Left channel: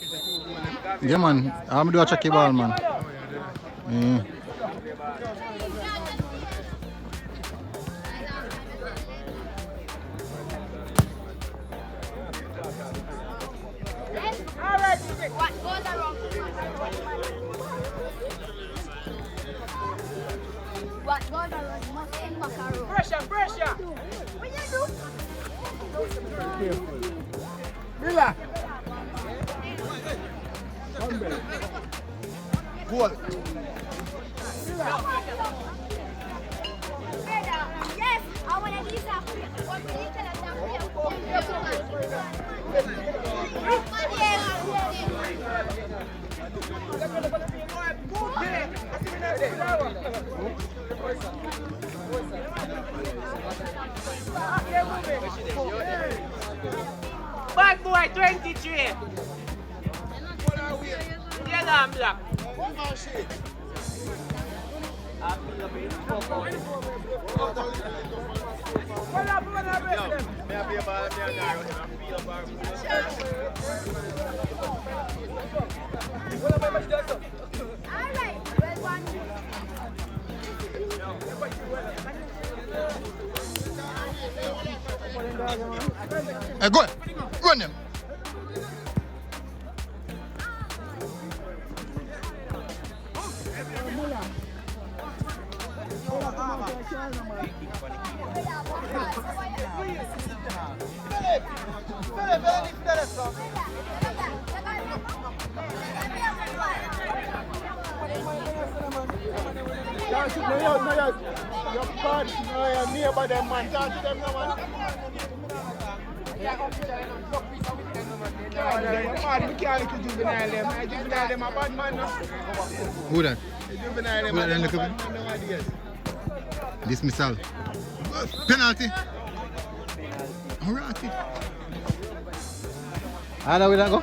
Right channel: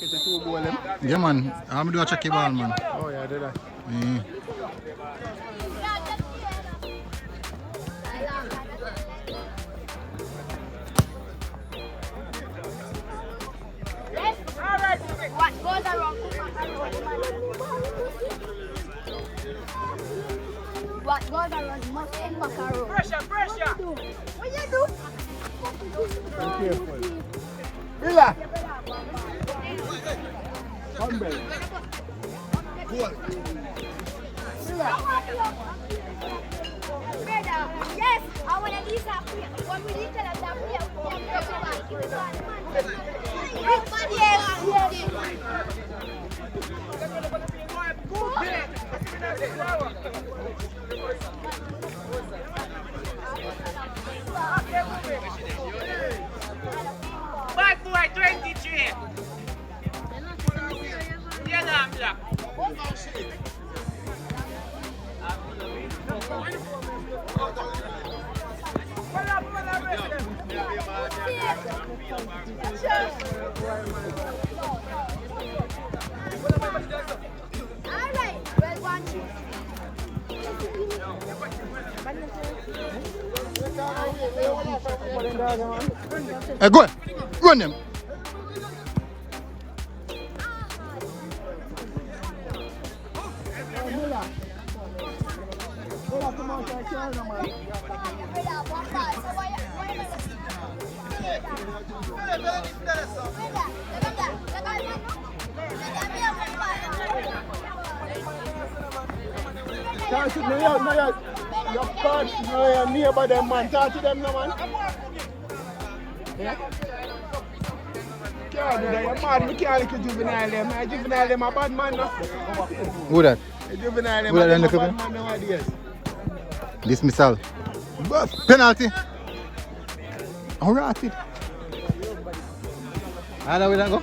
Yeah, man. I'm do a checky ball, man. Oh, yeah, do that. Yeah. Mila! Come back. Goal. Yes, I want to eat that. What we eat that. Bad boy 23. Yellow and black. Go on. Go on, them. Nearby them, man. Talk to them, no, man. We can't do juvenile them. Juvenile them a bad man, no? Who that? Juvenile them Who that a in the bad cup? man nowadays. Dismissal. Penalty. Alright, kid. How we that go?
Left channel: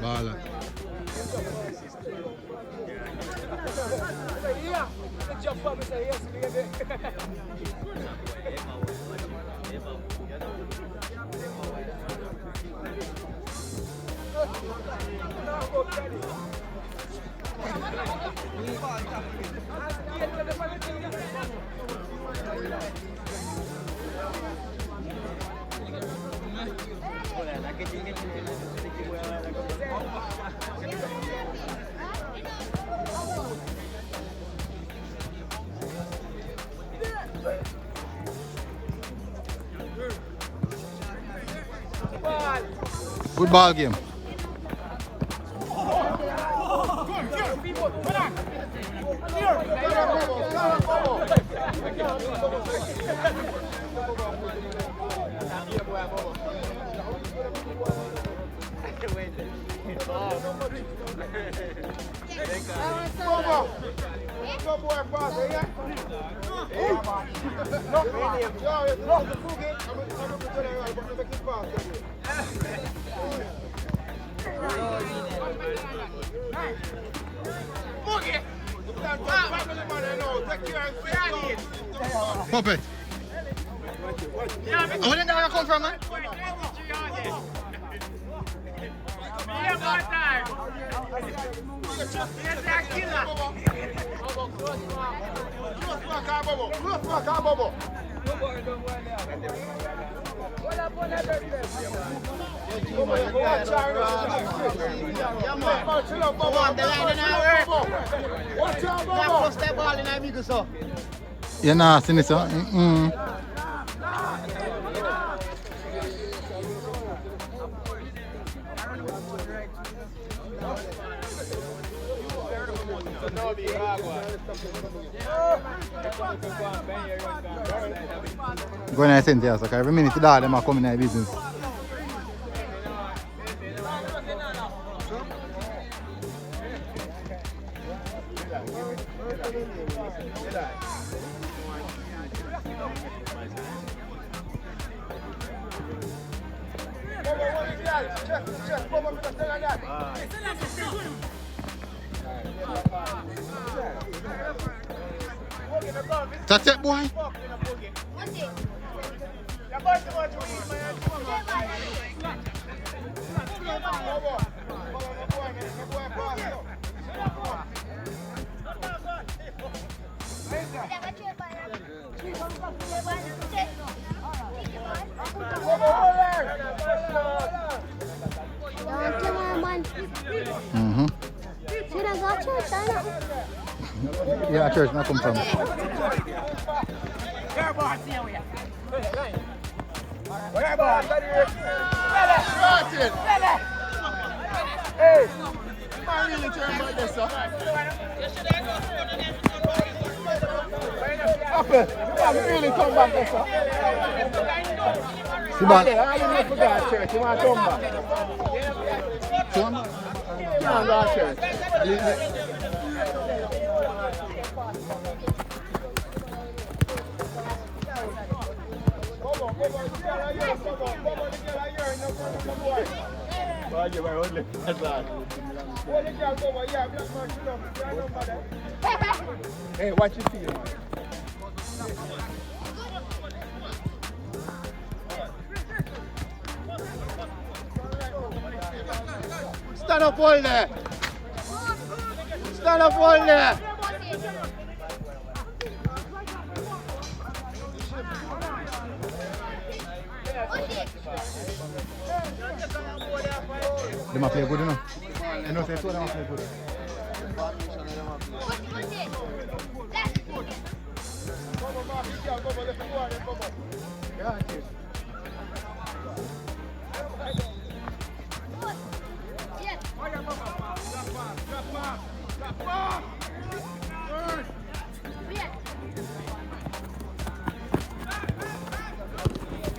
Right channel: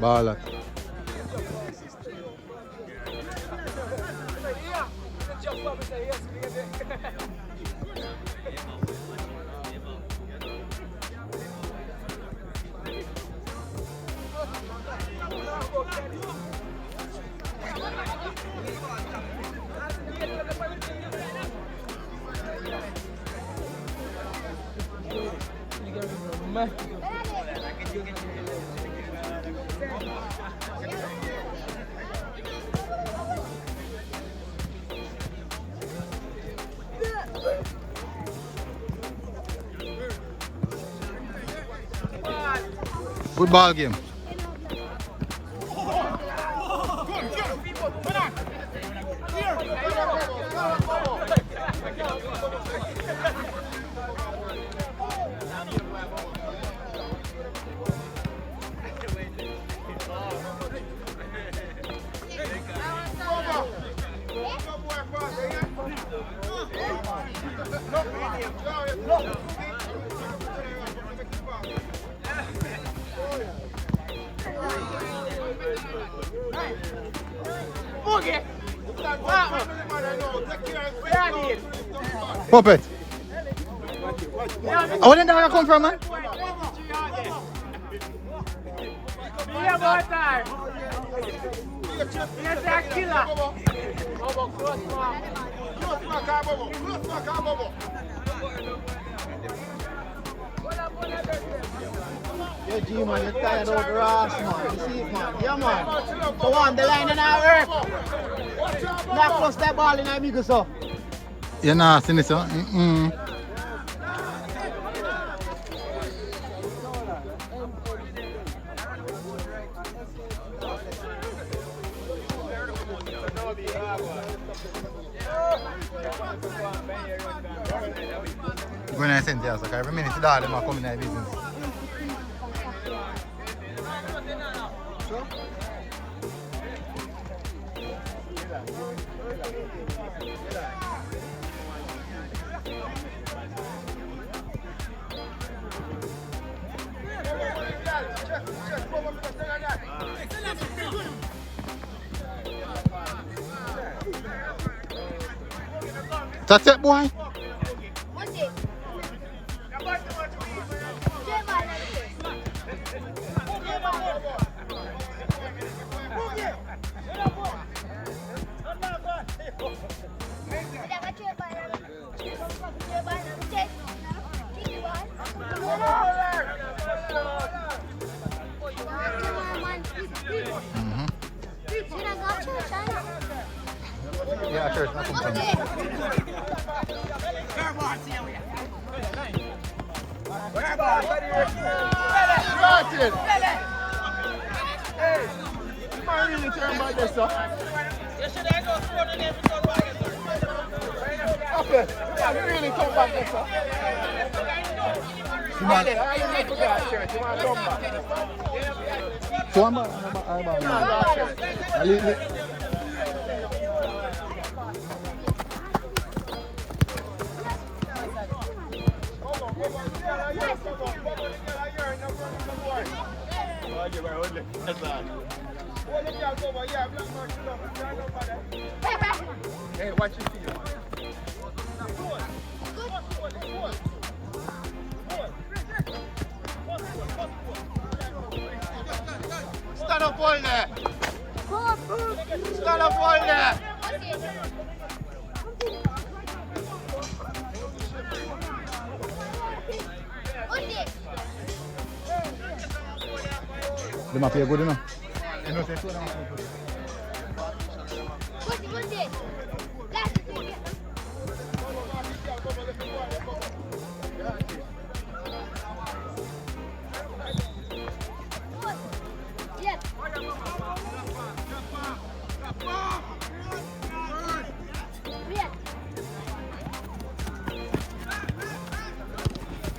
Balat. Good ball game. Puppet. I wouldn't know where you come from, man. Yeah, more time. Yes, a killer. Yeah, man. So on the line and I work. Not cross that ball in there because of. You're not seeing this, huh? Going to send here, so every minute the them are coming in the business. That's it, boy. Mm-hmm. Yeah, church, nothing from Hey, you might really turn back this, sir. I'm really come back this, sir. See back. So I'm Hey, watch your feet. Stand up all there. Stand up all there. They might play good enough. You know, say so they might play good.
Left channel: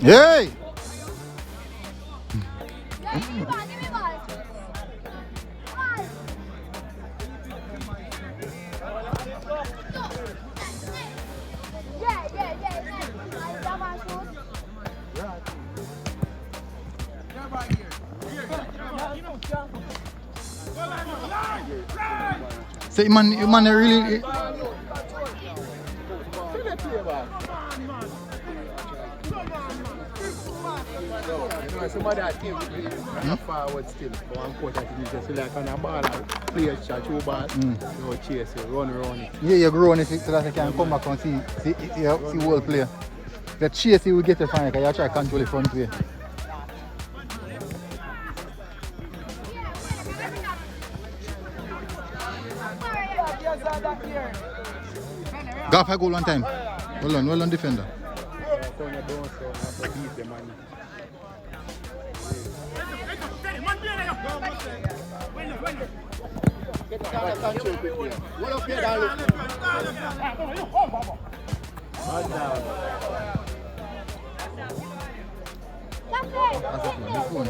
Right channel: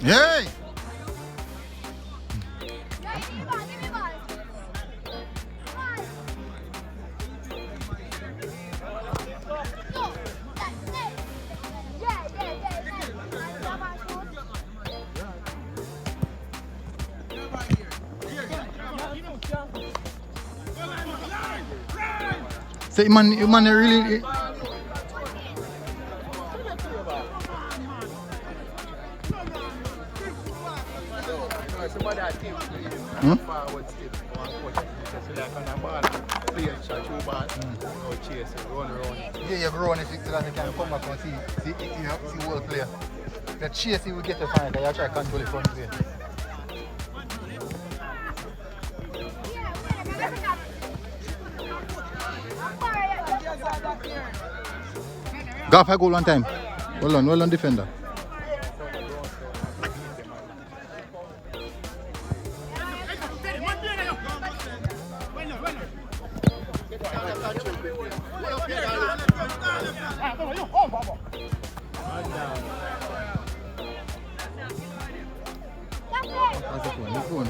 Yay! So man really Forward skill. Just like on a ball, players shot you ball. Chase it, run around. yeah, you grow if you can come back and see whole player. The chase you will get a fan because you try to control the front way. Go up a goal one time. Well done defender. That's a phone. New phone.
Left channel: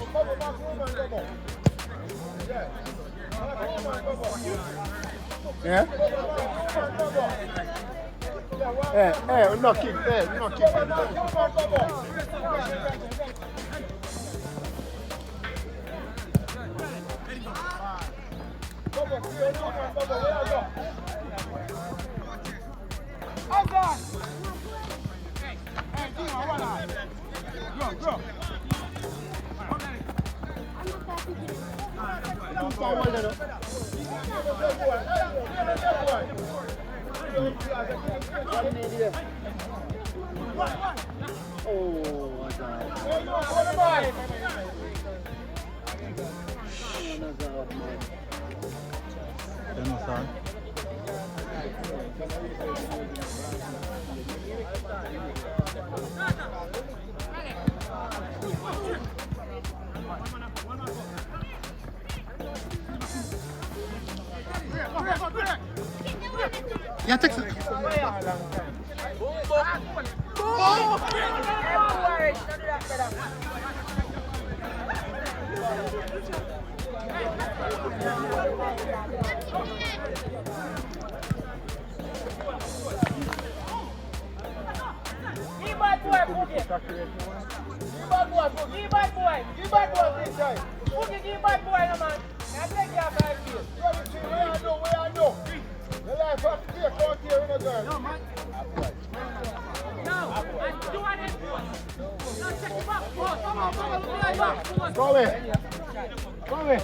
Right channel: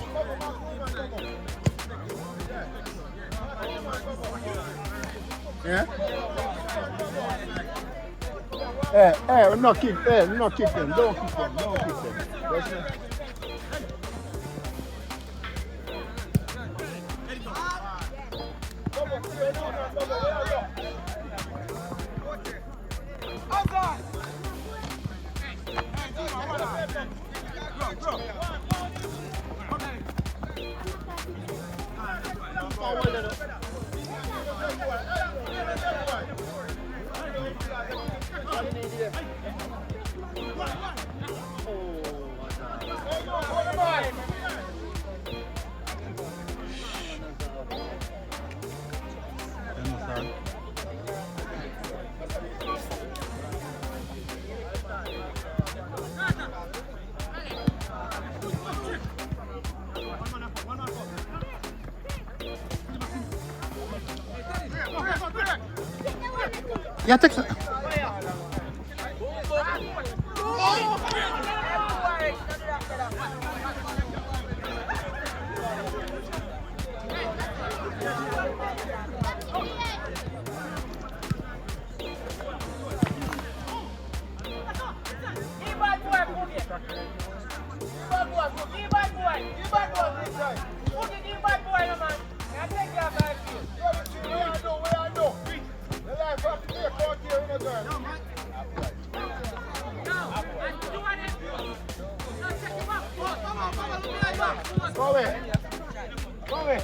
Yeah? Knock him. Knock him. Don't kick him. Don't kick him. Yeah, take some. Give bad boy. Give bad boy this time. Put it in bad boy, man. And take care of that. Go away. Go away.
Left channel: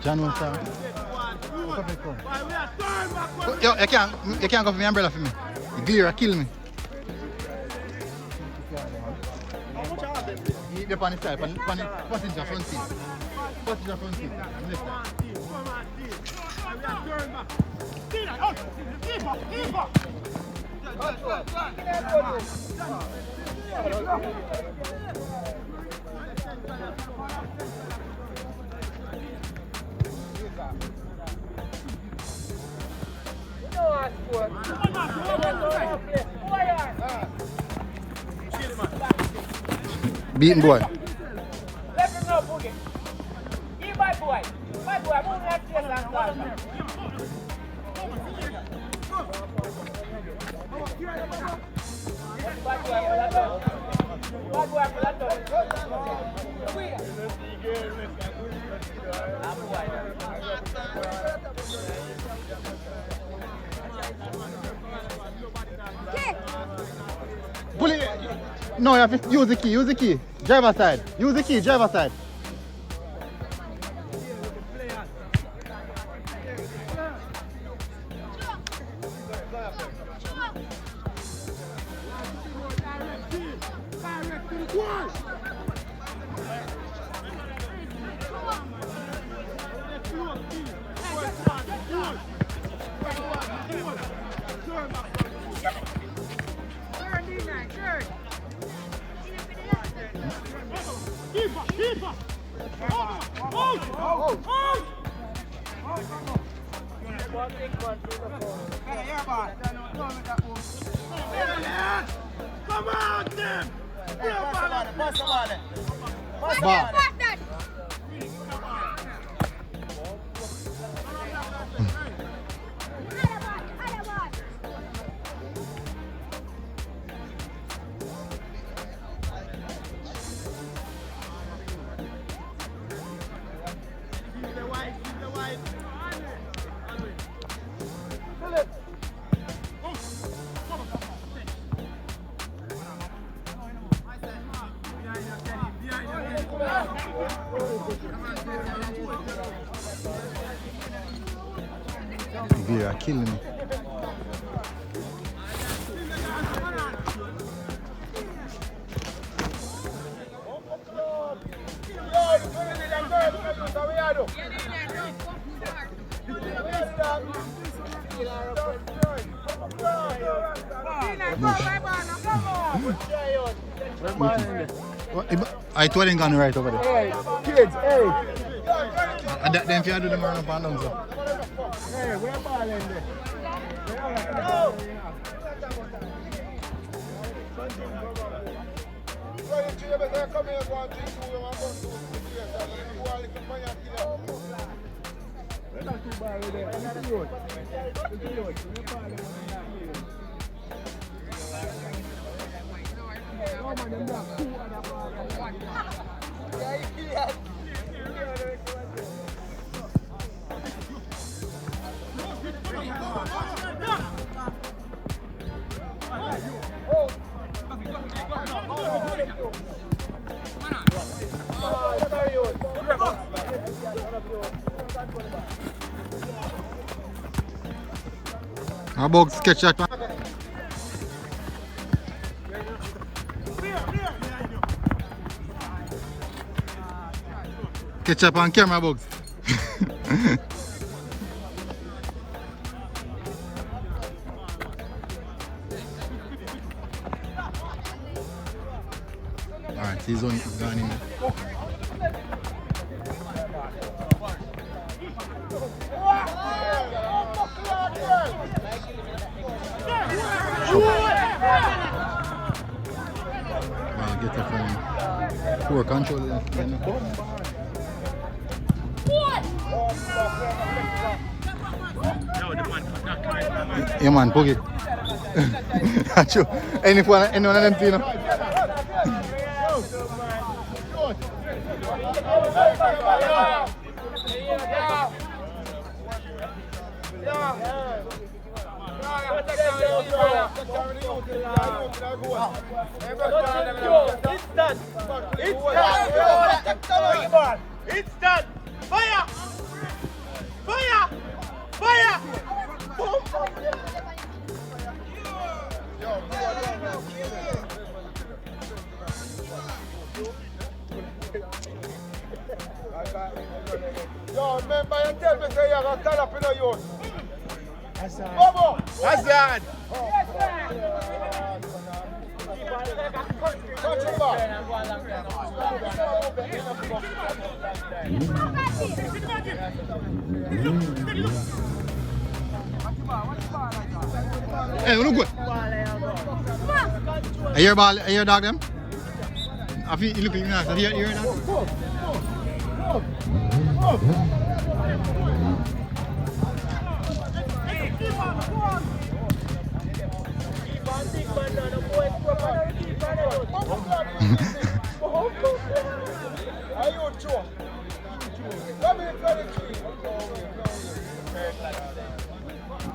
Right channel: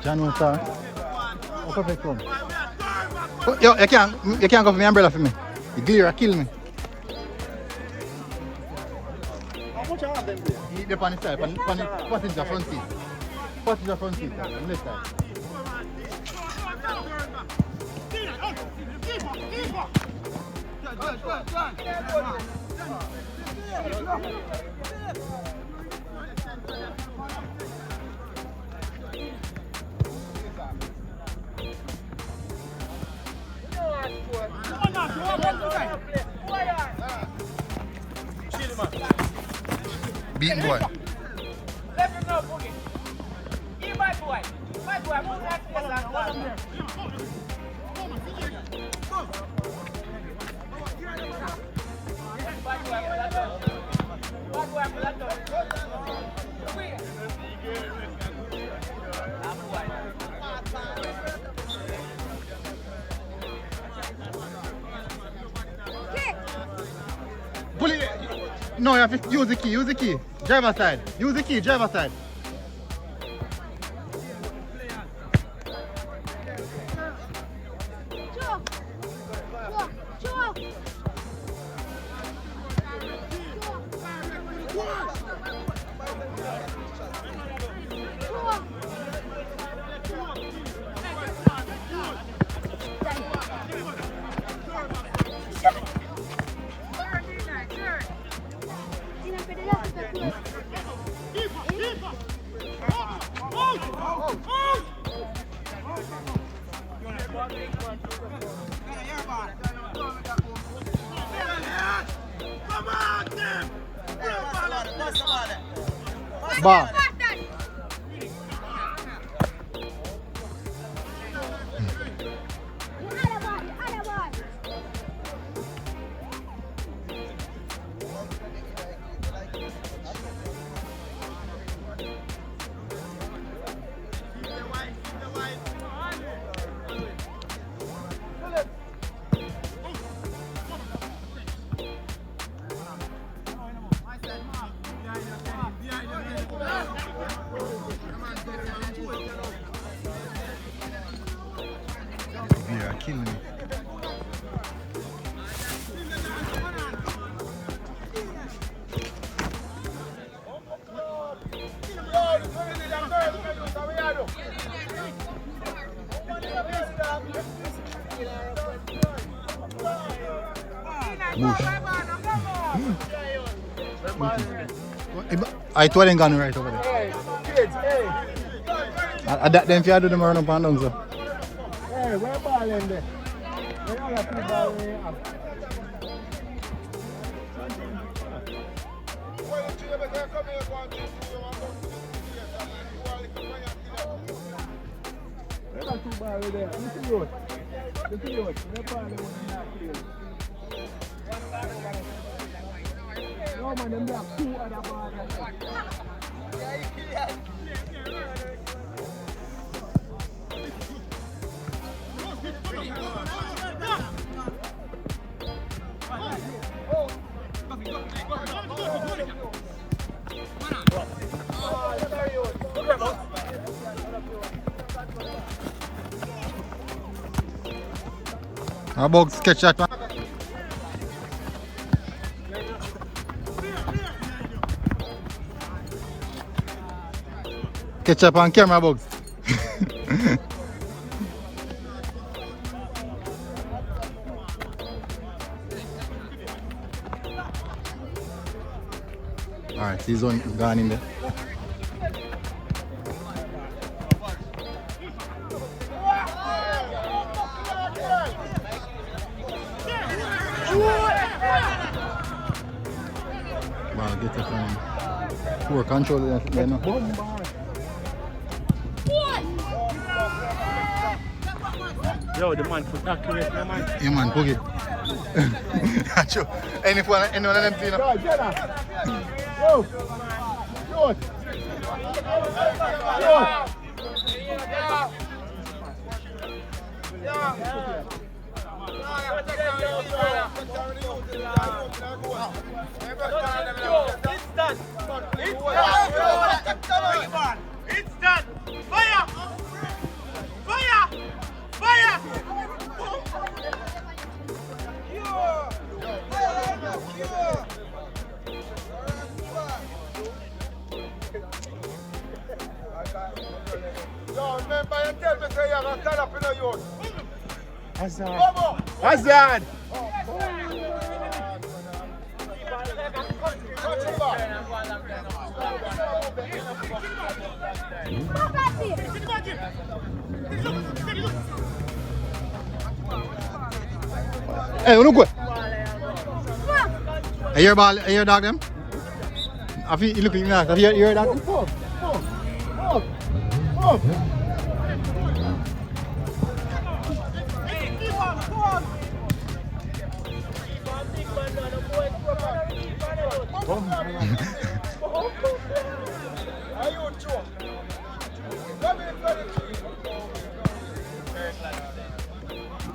John wants to. Yo, you can't go for my umbrella for me. The glare kill me. He's on the side, on the passenger front seat. Passenger front seat, on the left side. Beaten boy. Let him know, Boogie. Give bad boy. Bad boy, put that place and go. Pull it. No, you have to use the key. Use the key. Driver side. Use the key. Driver side. Bar. Yeah, killing me. Bush. I told them gone right over there. Hey, kids, hey. I that them if you do them around up and down, so. Hey, where ball in there? Where are the ball in there? Where are the ball in there? Look at yours. Look at yours. Where ball in there? No man, them have two other balls in there. About sketch that one. Catch up on camera, Bugs. Alright, this one is gone in there. Well, get that from poor control there now. Yo, the man for accurate, no man. Yeah man, poke it. Anyone of them three, you know? It's done. Fire! Fire! Fire! Hazard! Hey, look what? Are your ball? Are your dog them? I feel you looking nice. Are your dog?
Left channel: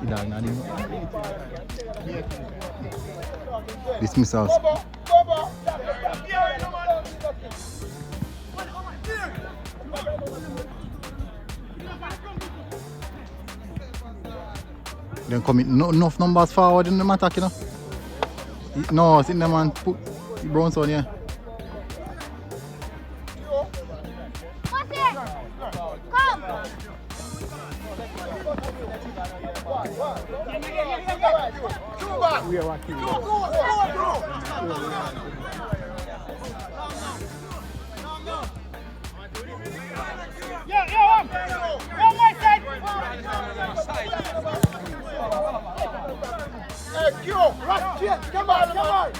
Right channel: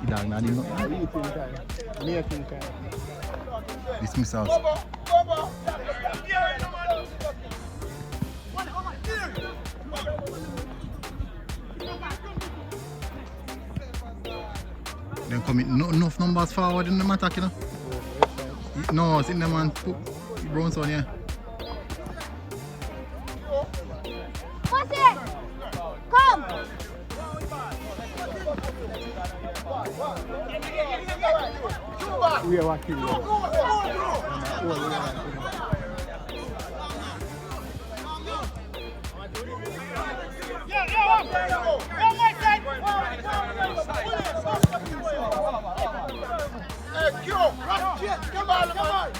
Dog not even. Dismissals. Then commit enough numbers forward in the attack, you know. No, it's in the man put the Browns on here. What's it? Come. We are working. Take your ball.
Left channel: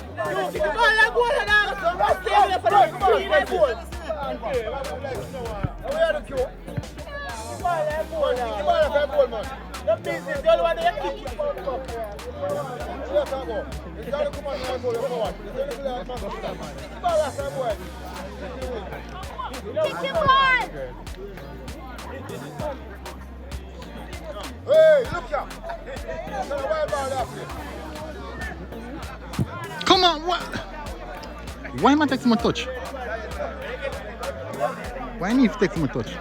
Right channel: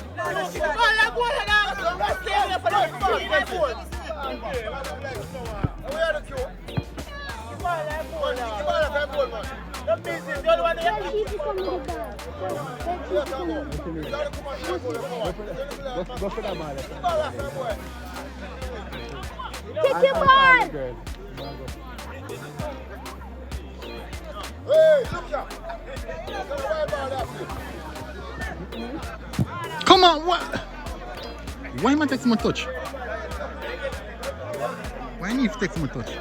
Come on, what? Why am I taking my touch? Why need to take my touch?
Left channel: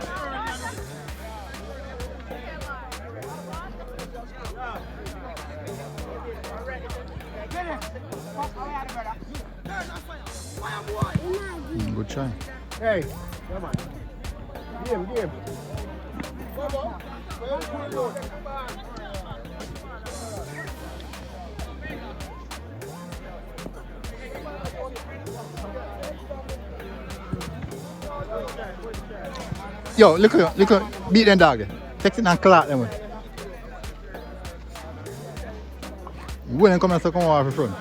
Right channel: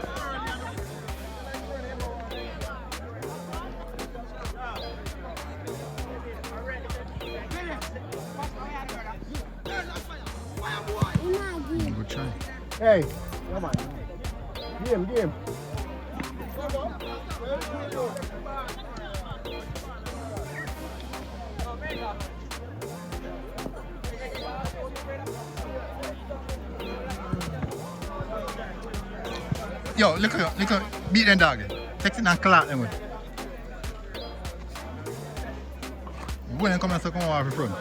Good try. Hey, come on. Game. Yo, look at, beat them dog. Take it and clap them. When they come and come over front.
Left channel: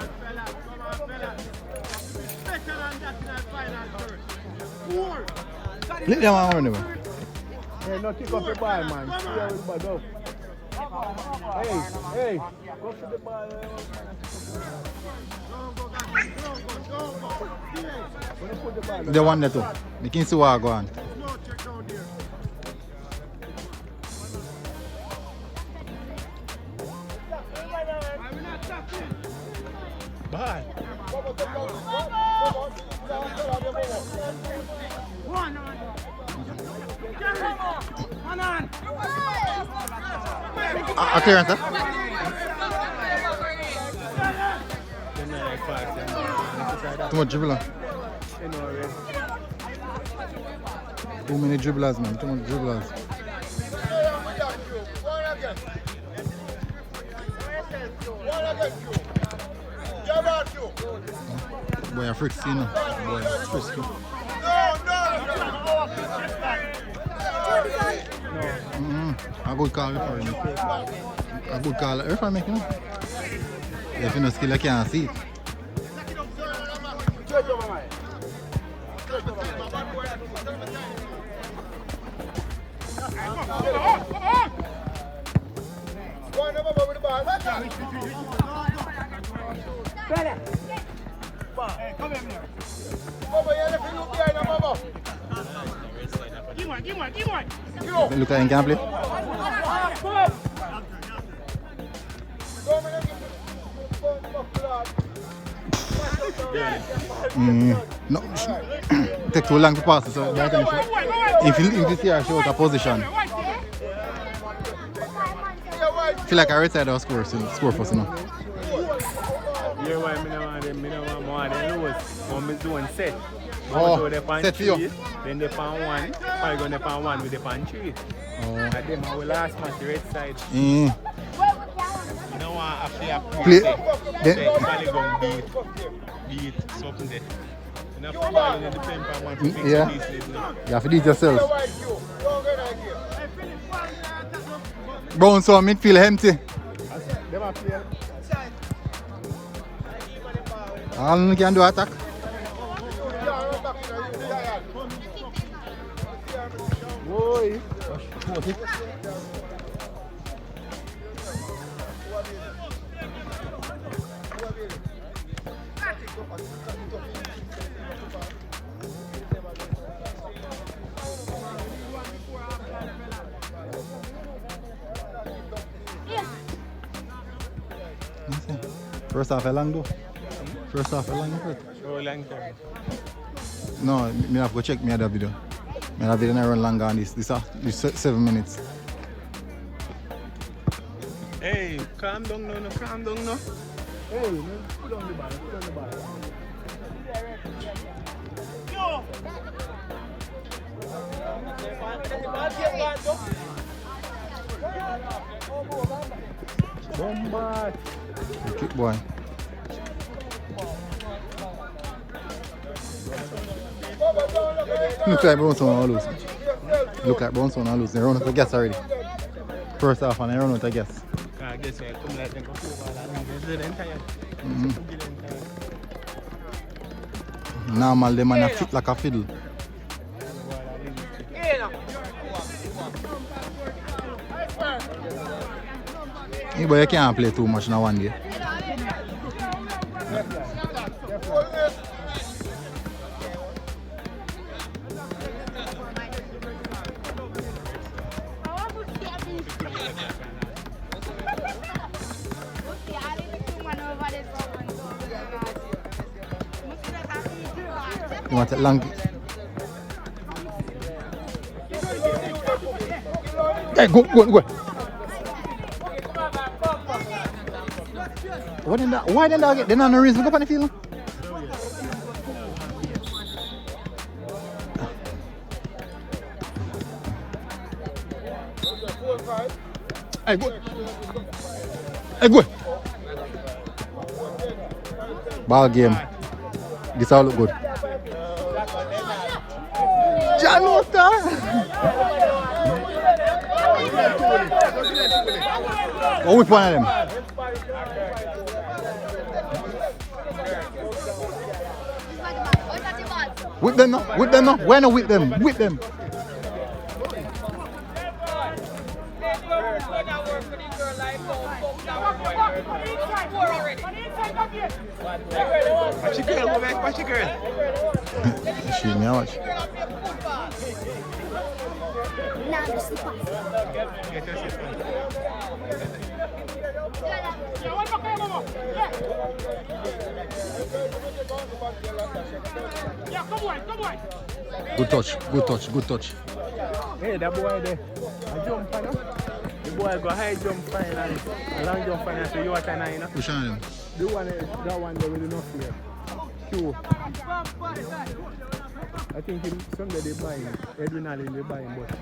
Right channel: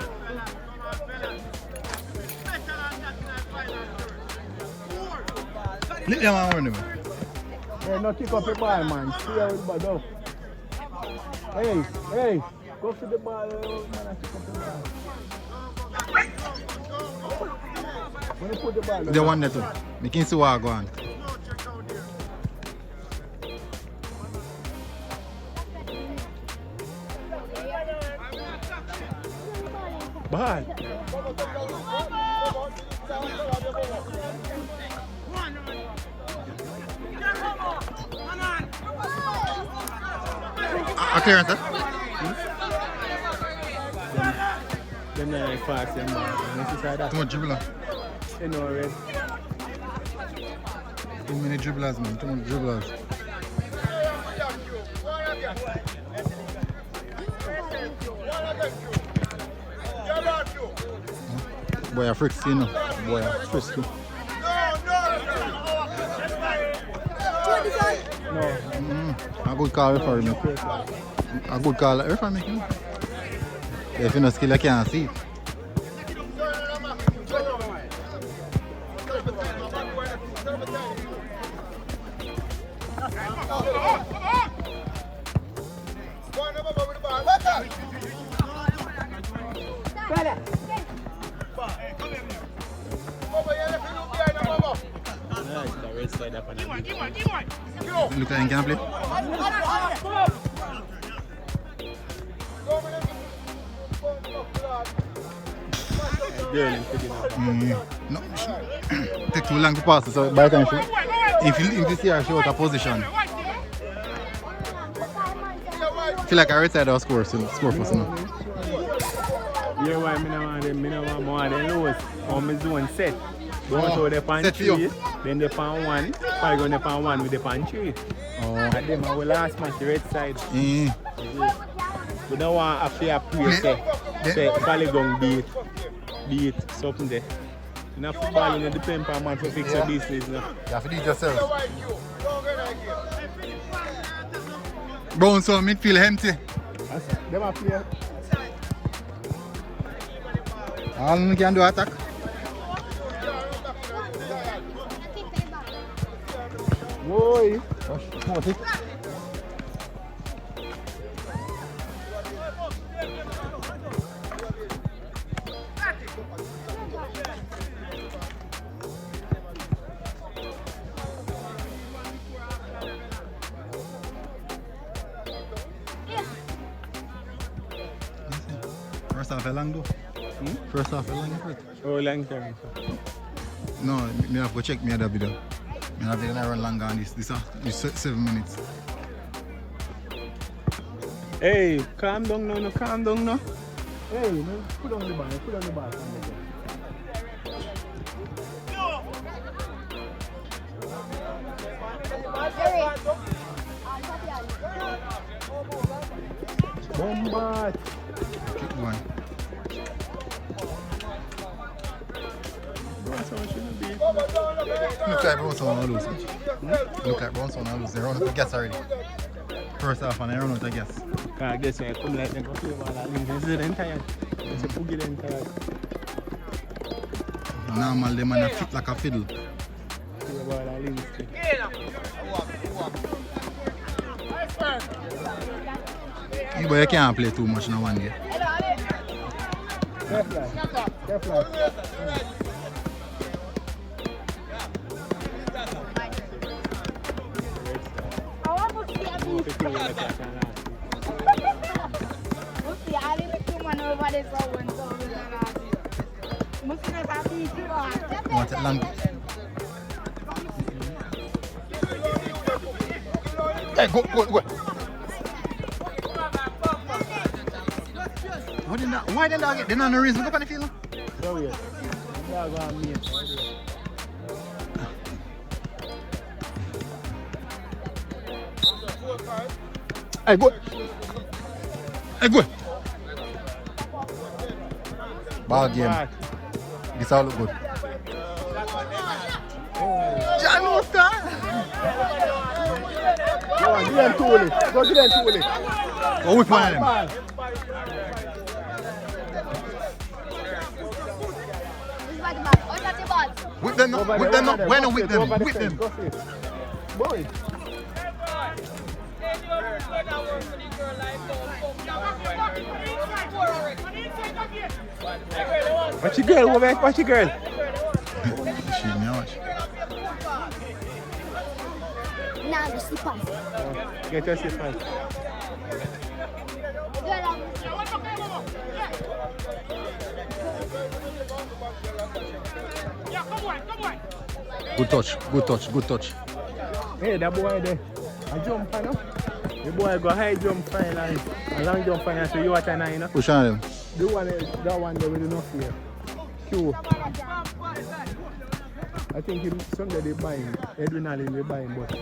Let them on one. Hey, no kick up your ball, man. See everybody else. Hey, go to the ball. They want that too. They can see what I go on. Bye. Clearance, huh? fast and necessary that. Too much dribbler. You know, already. Too many dribblers, man. Too much dribblers. Boy, a frisky, you know. Boy, a frisky. A good call referee, man. A good call referee making. If you no skill, I can't see it. Look at him, can play. No, take too long to pass it, so by the time if you see her, she out of position. Feel like I right side of score first, you know. You know why me no want more than those. I'm doing set. Oh, so they pan set for you. three, then they pan one. I go pan one with the pan three. Oh. And then I will last match the red side. Mm. You don't want a fair Play. play. Say, Polygon beat something there. In a football, you know, depend on how to fix Yeah. these things. You have to do it yourself. Bounce on midfield empty. Them a play. All you can do attack. Boy. What it? First half a long though. First half a long effort. Oh, long time. No, me have to go check me other video. Me have to run longer on this 7 minutes. Hey, calm down now, calm down now. Hey, no, put on the ball, put on the ball. Bombard. Kick boy. Look like bounce on lose. Look like bounce on lose. They run out of gas already. First half and they run out of gas. I guess I come like them Normal, them man a fit like a fiddle. Yeah, but you can't play too much in one day. You want it long? Hey, go. What did that? Why did that get? They're not no reason to go on the field. Hey, go. Ball game. This all look good. John Water. Go whip one of them. Whip them up. Why not whip them? Whip them. Watch your girl, woman. Watch your girl. Shoot me out. Get your shit on. Good touch. Hey, that boy there. I jump on him. The boy go high jump fine and as long as you don't find out, so you are trying to, you know? Which one of them? The one, that one there with enough here. Q. I think somebody buying, originally they buying, but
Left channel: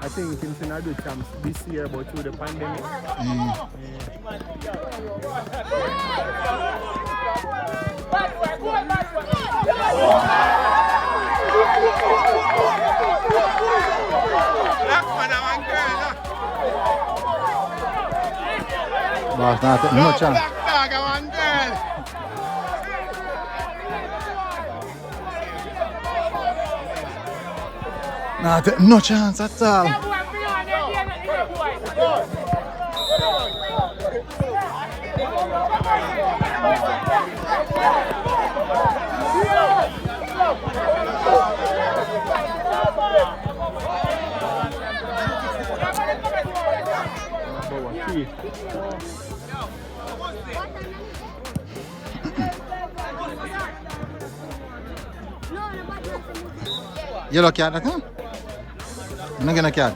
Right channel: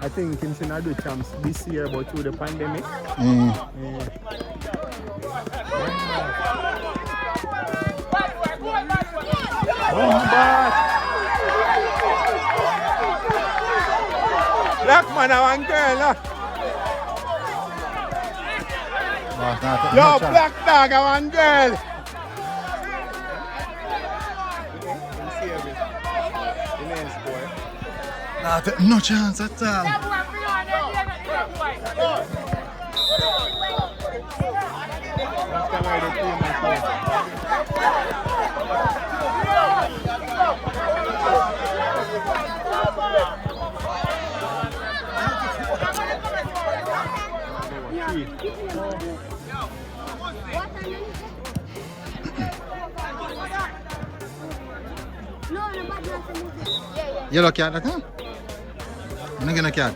I think him should not do chance this year, but through the pandemic. Black man, I want girl, no? Last night, Yo, no chance. black dog, I want girl. Nah, no chance at all. Yellow cat, that one? I'm not gonna cat.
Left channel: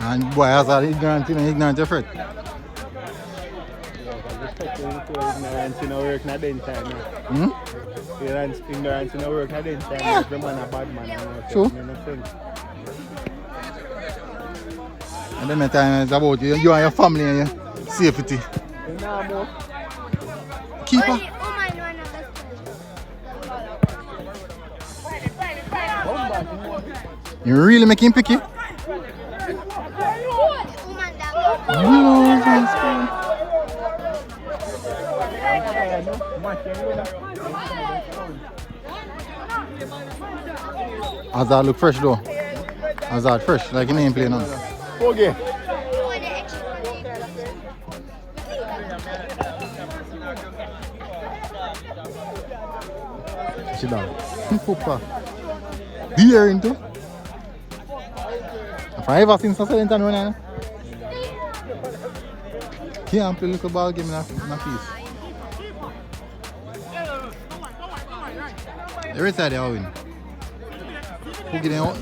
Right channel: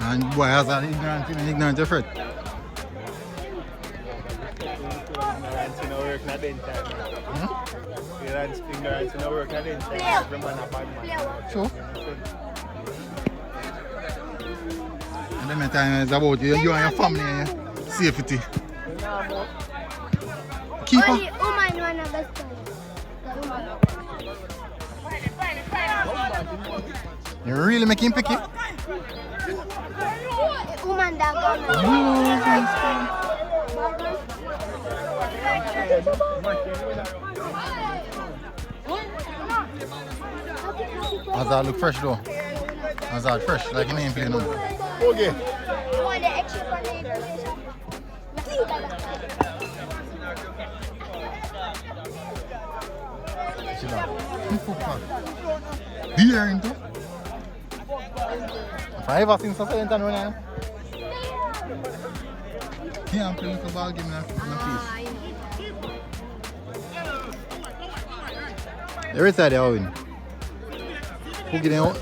And boy, I was all ignorant, ignorant of it. Ignorance in our work, not the entire man. Ignorance in our work, not the entire man. Every man a bad man. True. And then the time is about you and your family and your safety. Keeper. You really make him picky? Hazard look fresh though. Hazard fresh, like he ain't playing on. Okay. Sit down. Football. Here into. If I ever seen something in town, here I'm playing little ball game in a piece. Every side they all win. Who get out?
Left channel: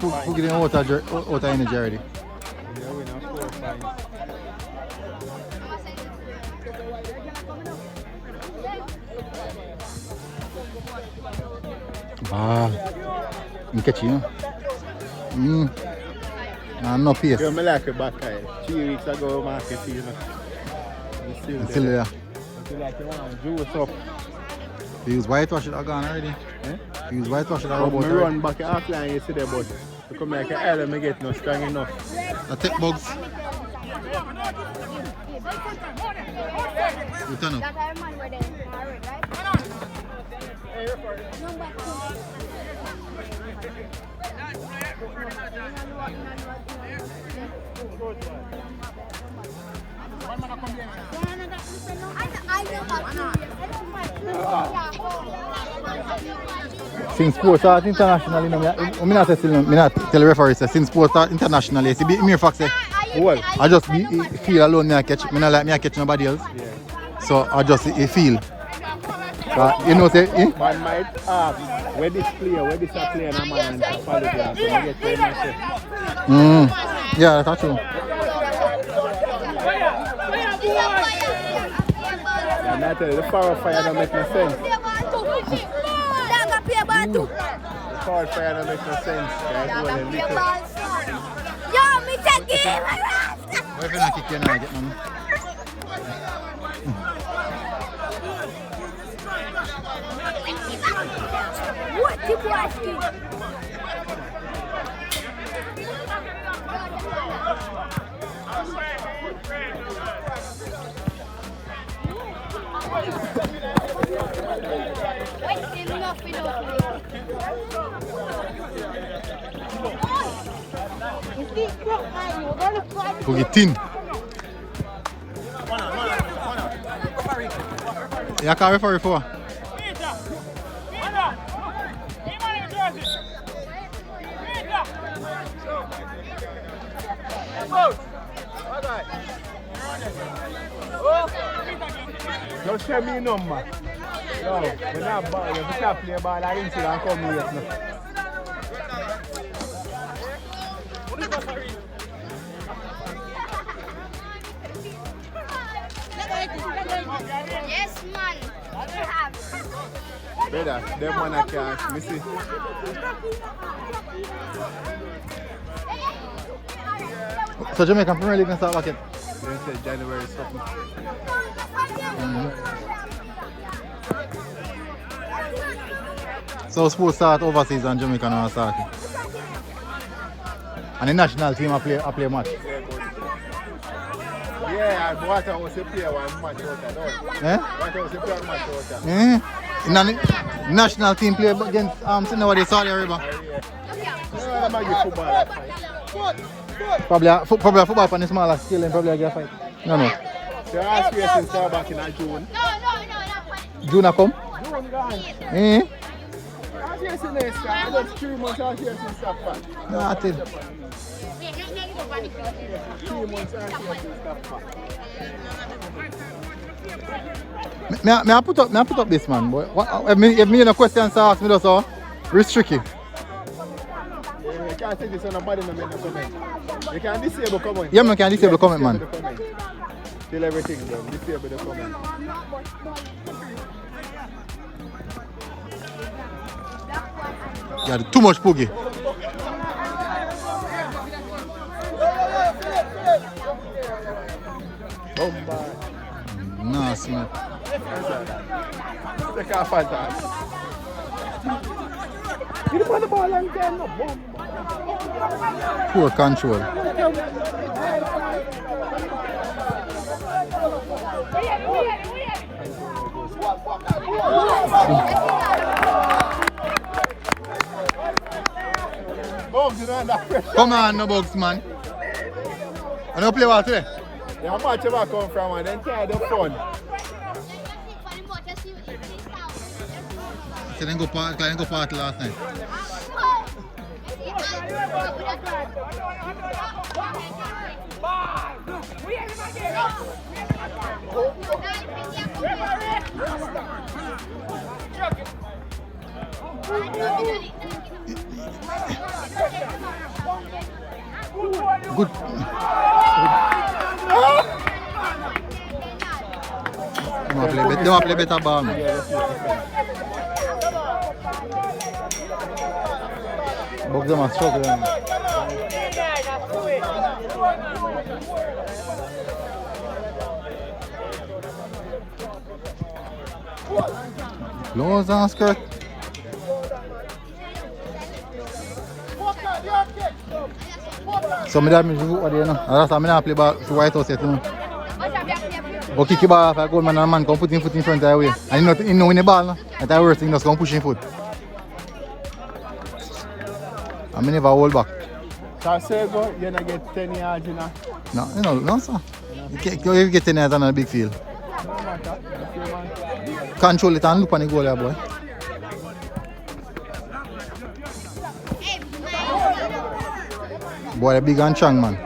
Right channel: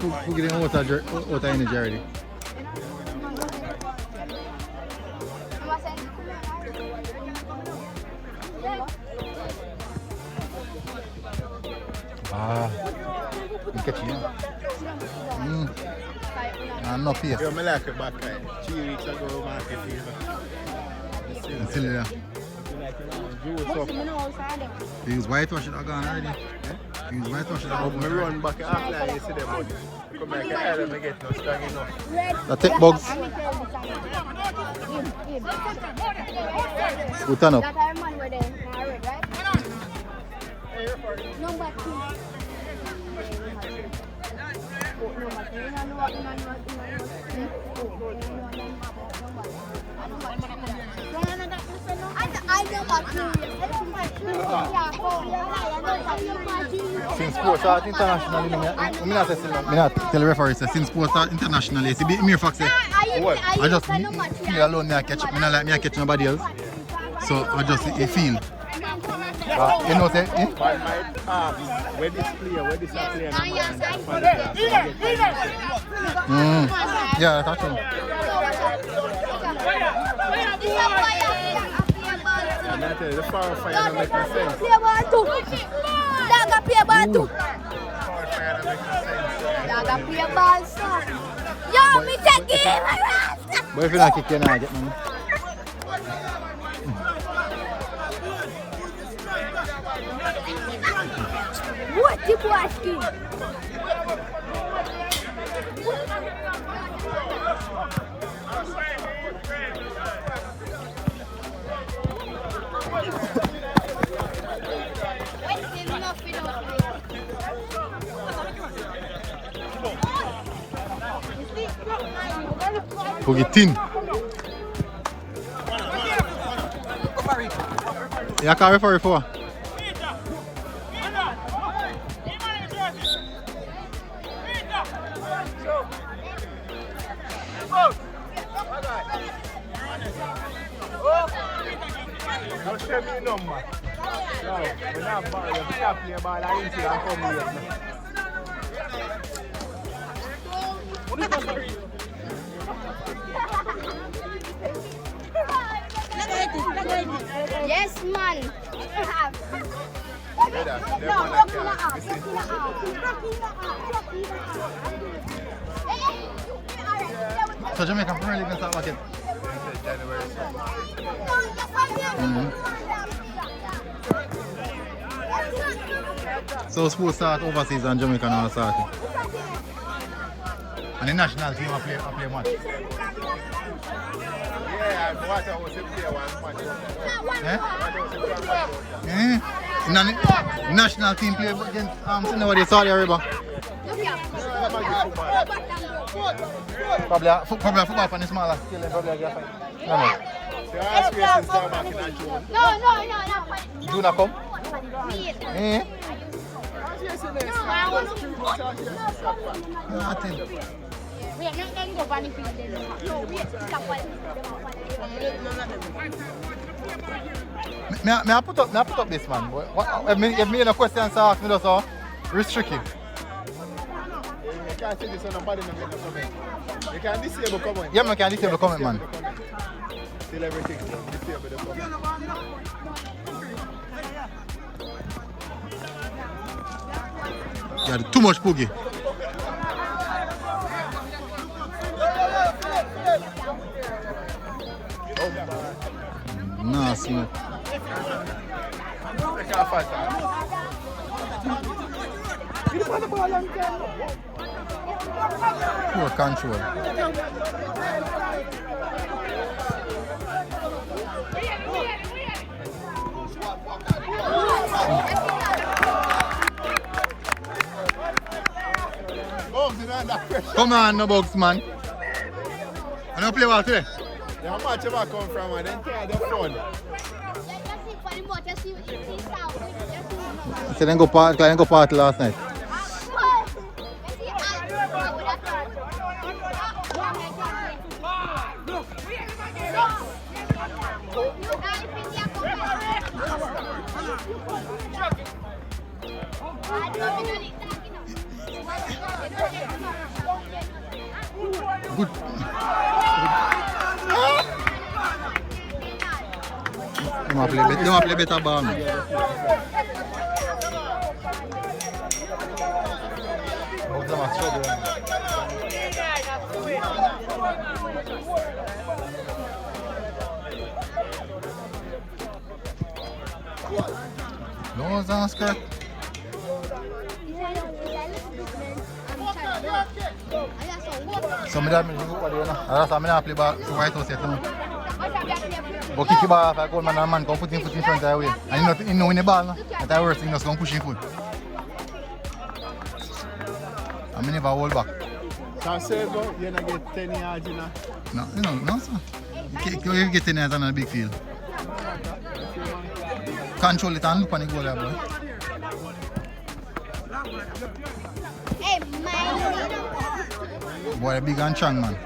Who get out of energy already? You catch you. No pace. Yo, me like it back time. 3 weeks ago, market season. It's still there. Juice up. They use whitewash it gone already. They use whitewash it all We about run back offline yesterday, but you come like I don't get no strong enough. The tech bugs. Who turn up? Since sports start internationally, I'm not tell the referee, since sports start internationally, see, me fact say, I just feel alone, me I catch, me not like me I catch nobody else. So I just feel. You know, say, I might ask, where this player, no man, yeah, that's true. And I tell you, the power fire don't make no sense. Power fire don't make no sense. Yo, me take it! But if you not kick, you not get money. What you asking? Go get tin. Yeah, I can't refer for. I'll show me a number. No, you have a ball, I come here. So Jamaican Premier League can start back in. So sports start overseas and Jamaica now starting. And the national team a play match. National team play against Saudi Arabia. Probably a football on the smaller scale and probably against no. The last race is back in June. No, not funny. June come? Last race in there, just 3 months last year for Safa. Nothing. Me I put up this man, boy. If me no questions to ask me just so restrict it. You can't see this on the body movement. You can disable comment. Yeah, man can disable comment, man. Till everything disable the comment. Yeah, too much poogie. Nah, smoke. Pure control. Come on, no box, man. I don't play well today. Yeah, how much ever come from and then try the fun. So then go party last night. Good. Don't play better ball, man. Close on skirt. So me that me do what they know. That's why me not play ball to White House yet, you know. But kick the ball off like Goldman and a man come put him foot in front of the way. And he know in the ball, no? But I worse, he just come push him foot. I mean never hold back. So I say go, you don't get 10 yards, you know? No sir. You get 10 yards on a big field. Control it and look on the goal there, boy. Boy, a big and strong, man.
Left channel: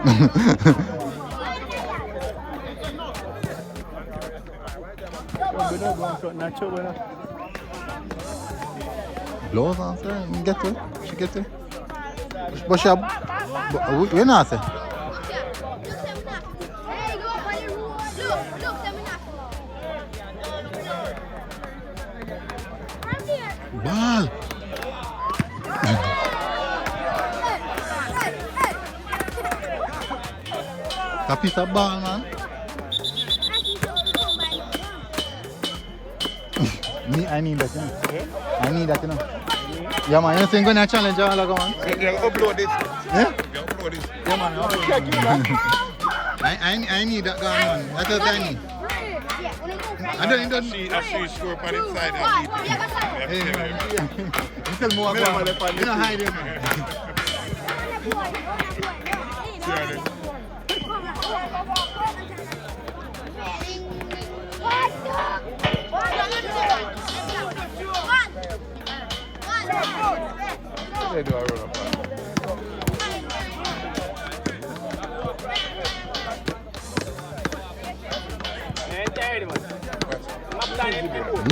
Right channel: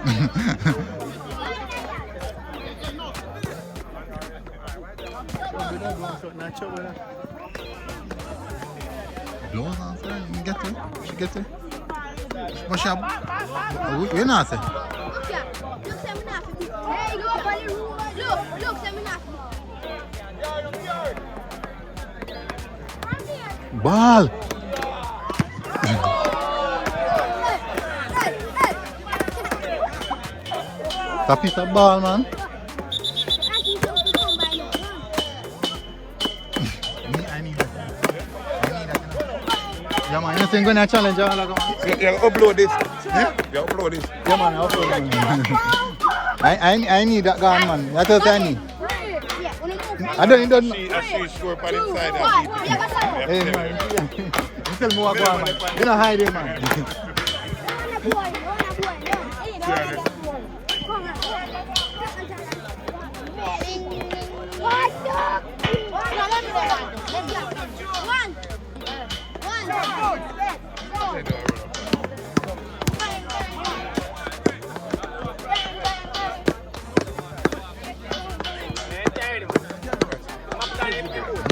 Blows on, sir. You get to it. She get to it. But she we're not, sir. Ball. A piece of ball, man. I need that, you know. I need that, you know. Yeah, man, you think gonna challenge all like man? Yeah, upload this. Yeah? Yeah, upload this. Yeah, man, I upload it, man. I need that gun, man. That's what I need. I don't. I see score on inside and beat it. Hey, man. You tell me what go on, man. You don't hide it, man. Yeah,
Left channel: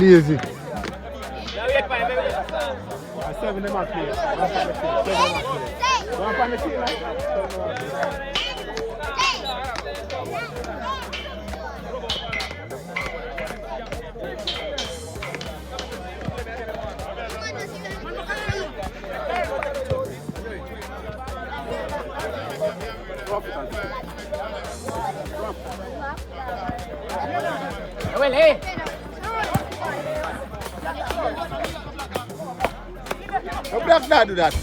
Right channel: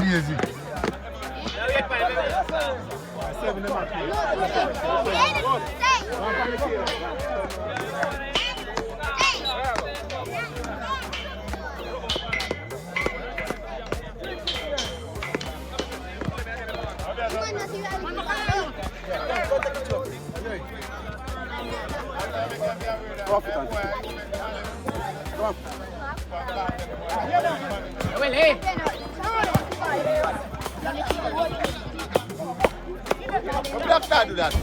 Lazy. Well, hey. Black guy do that.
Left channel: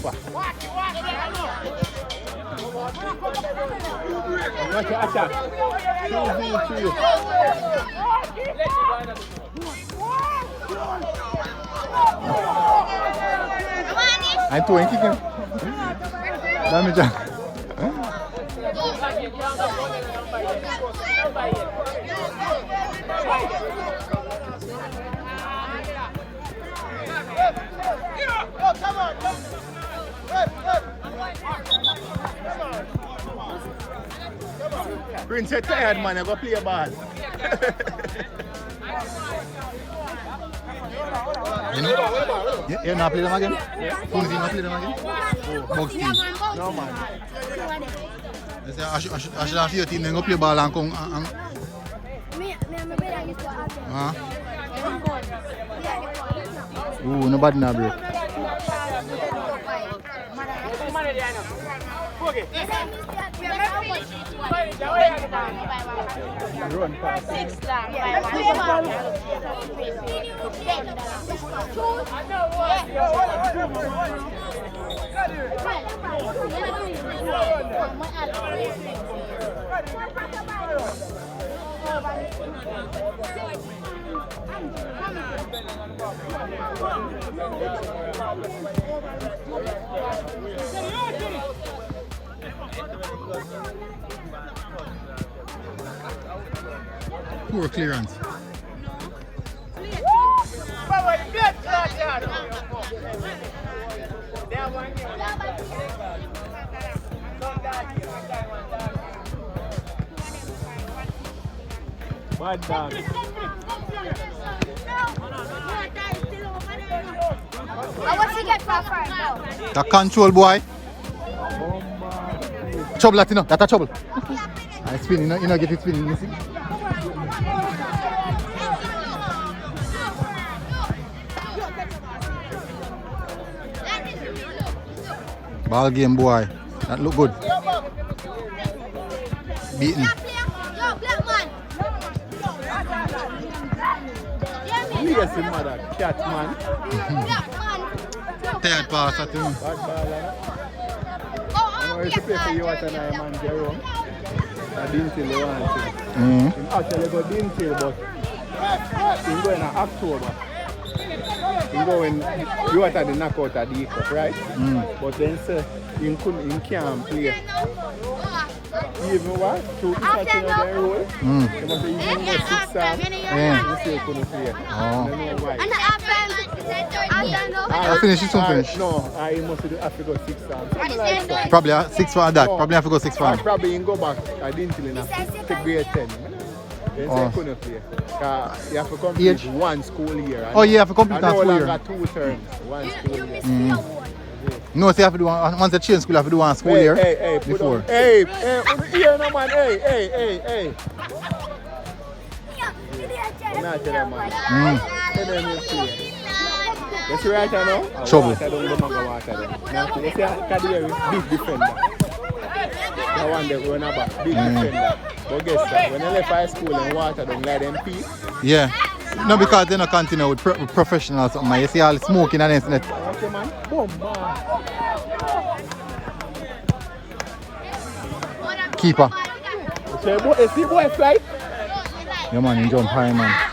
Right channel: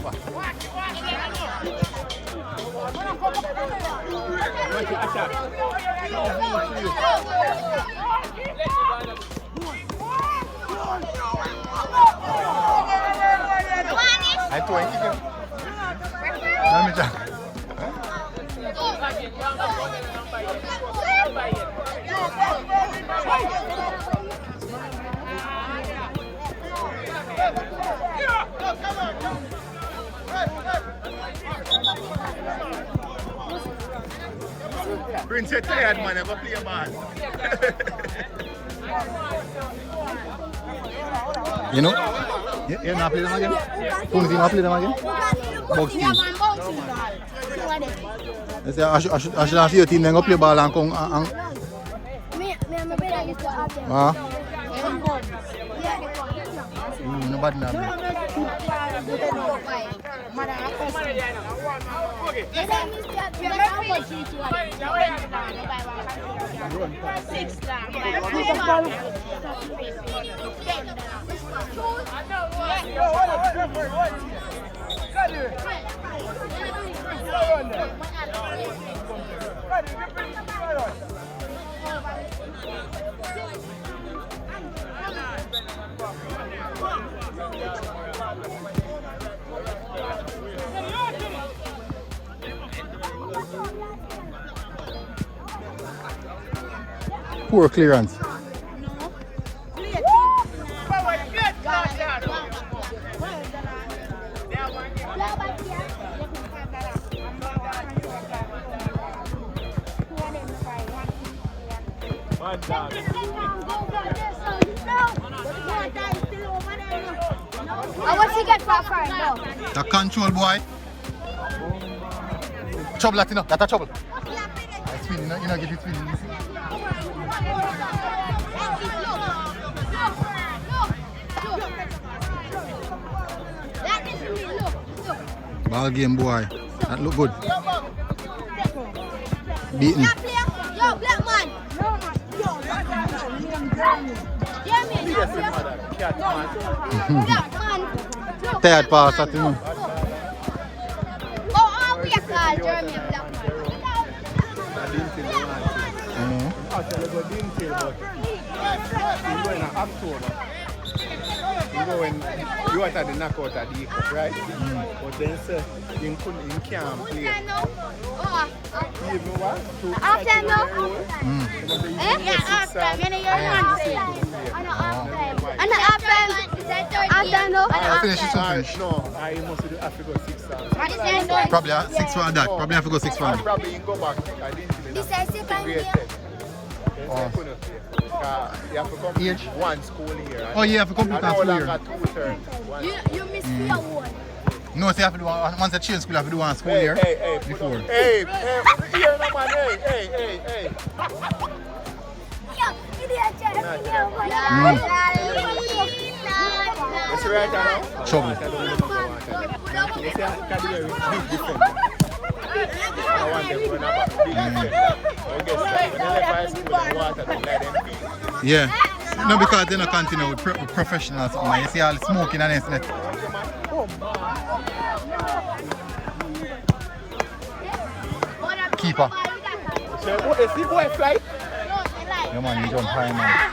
Attack. And two and kicking. Damage on. Prince, you're tired, man. Never play a ball. You know? You not play them again? Who team not play them again? Bugs team. I say I should see your team then go play ball and come and ooh, no bad now, bro. Poor clearance. The control boy. Trouble, Latino. That's a trouble. It's spinning. You know, get it spinning. You see? Ball game, boy. That look good. Beaten. Tired pass, that you know. When you are the knockout at the cup, right? But then sir, you can't play. Even what? To finish it, finish. No, I must do Africa 6 times. Probably 6 for that. Probably have to go 6 for him. Probably in go back. I didn't even know. Grade 10. Then I couldn't play. You have to complete one school year. Right? Oh, you have to complete one school year. You missed me. No, so you have to do one, once you change school, you have to do one school year before. Hey, no man, hey. Yes, right now. Trouble. You see how Kadiri is big defender. I want them going up big defender. But guess what? When they left high school and water them, let them pee. Yeah. No, because they don't continue with professionals. You see all smoking and everything. Keeper. So, is he boy flight? Yeah, man, you jump high, man.